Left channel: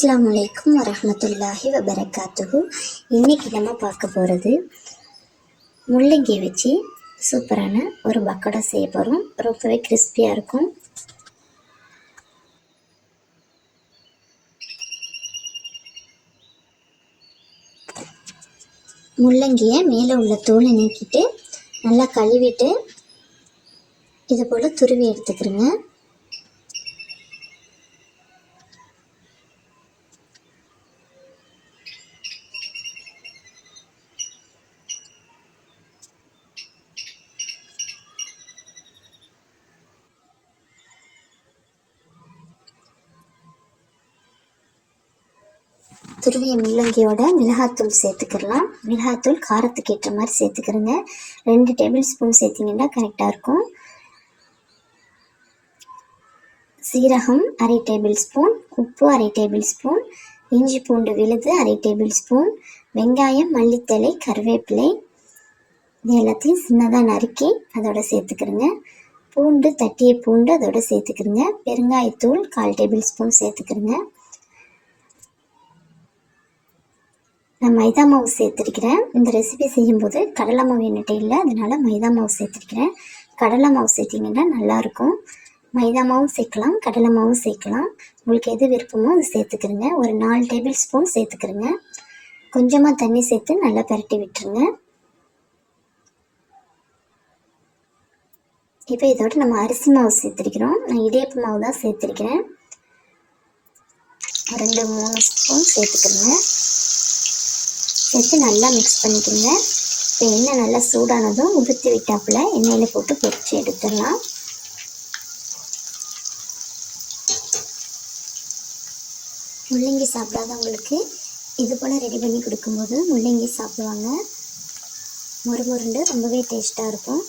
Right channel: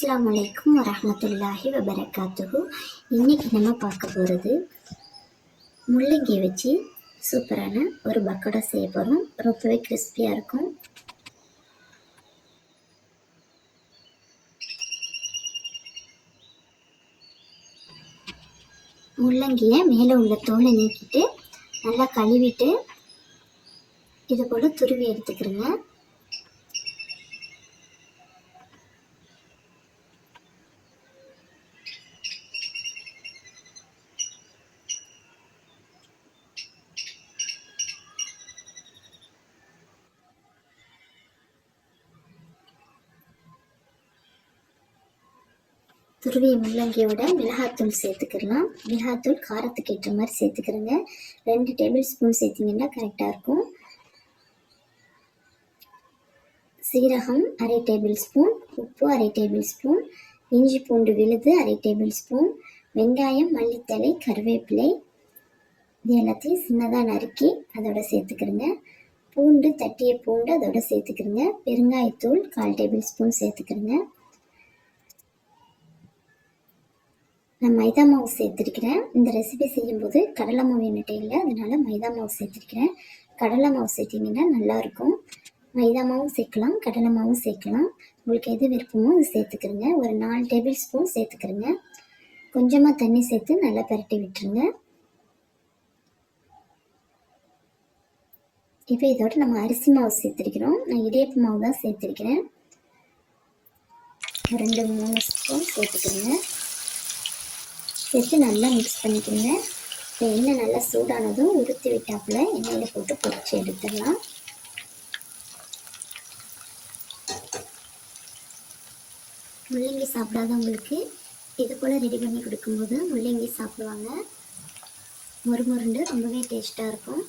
அஸ்லாம் வலைக்கம் வரமத்துல்லாஹி வபரகாத்துகு இன்றைக்கி நம்ம பார்க்க போகிறது முள்ளங்கி வச்சு சூப்பரான ஒரு பக்கோடா செய்ய போகிறோம் ரொம்பவே கிறிஸ்பியாக இருக்கும். முள்ளங்கியை மேலே உள்ள தோலை நீக்கிட்டு நல்லா கழுவிட்டு இது போல் துருவி எடுத்துக்கிறேங்க. துருவிய முள்ளங்கியோட மிளகாத்தூள் சேர்த்துக்கிறலாம் மிளகாத்தூள் காரத்துக்கு ஏற்ற மாதிரி சேர்த்துக்கிறேங்க. ரெண்டு டேபிள் ஸ்பூன் சேர்த்திங்கன்னா கரெக்டாக இருக்கும். சீரகம் அரை டேபிள் ஸ்பூன் உப்பு அரை டேபிள் ஸ்பூன் இஞ்சி பூண்டு விழுது அரை டேபிள் ஸ்பூன் வெங்காயம் மல்லித்தழை கருவேப்பிலை இது எல்லாத்தையும் சின்னதாக நறுக்கி அதோட சேர்த்துக்கிறேங்க. பூண்டு தட்டிய பூண்டு அதோட சேர்த்துக்கிறேங்க. பெருங்காயத்தூள் கால் டேபிள் ஸ்பூன் சேர்த்துக்கிறேங்க. நான் மைதா மாவு சேர்த்துருக்கிறேன். இந்த ரெசிபி செய்யும்போது கடலை மாவு என்கிட்ட இல்லை. அதனால மைதா மாவு சேர்த்துருக்கிறேன். கடலை மாவு சேர்த்திங்கன்னா நல்லாயிருக்கும். மைதா மாவும் சேர்க்கலாம் கடலை மாவும் சேர்க்கலாம். உங்களுக்கு எது விருப்பமோ அது சேர்த்துக்கிறங்க ஒரு நாலு டேபிள் ஸ்பூன் சேர்த்துக்கிறங்க கொஞ்சமாக தண்ணி சேர்த்து நல்லா பரட்டி விட்டுருங்க. இப்போ இதோட நம்ம அரிசி மாவு சேர்த்துருக்கிறோம். நான் இடியப்பு மாவு தான் சேர்த்துருக்கிறேன். ரெண்டு மூணு ஸ்பூன் சேர்த்துக்கிறேங்க சேர்த்து நல்லா மிக்ஸ் பண்ணிக்கோங்க. இப்போ எண்ணெய் நல்லா சூடானதும் உதுத்தி விட்டாப்புல எண்ணெயில் போட்டு பொரித்து எடுத்துடலாம். முள்ளங்கி சாப்பிடாதவங்களுக்கு இது போல் ரெடி பண்ணி கொடுக்கும்போது முள்ளங்கி சாப்பிடுவாங்க. முறுமுருண்டு ரொம்பவே டேஸ்ட்டாக இருக்கும்.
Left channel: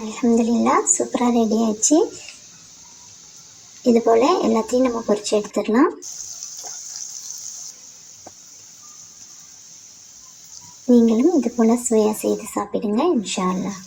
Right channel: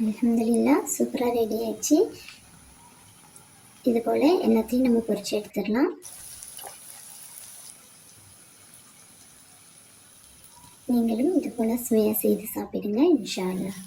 அலமதுல்லா சூப்பராக ரெடி ஆயிடுச்சு. இது போல் எல்லாத்தையும் நம்ம பொறிச்சு எடுத்துடலாம். நீங்களும் இது போல் சுவையாக செய்து சாப்பிடுங்க இன்ஷா அல்லாஹ்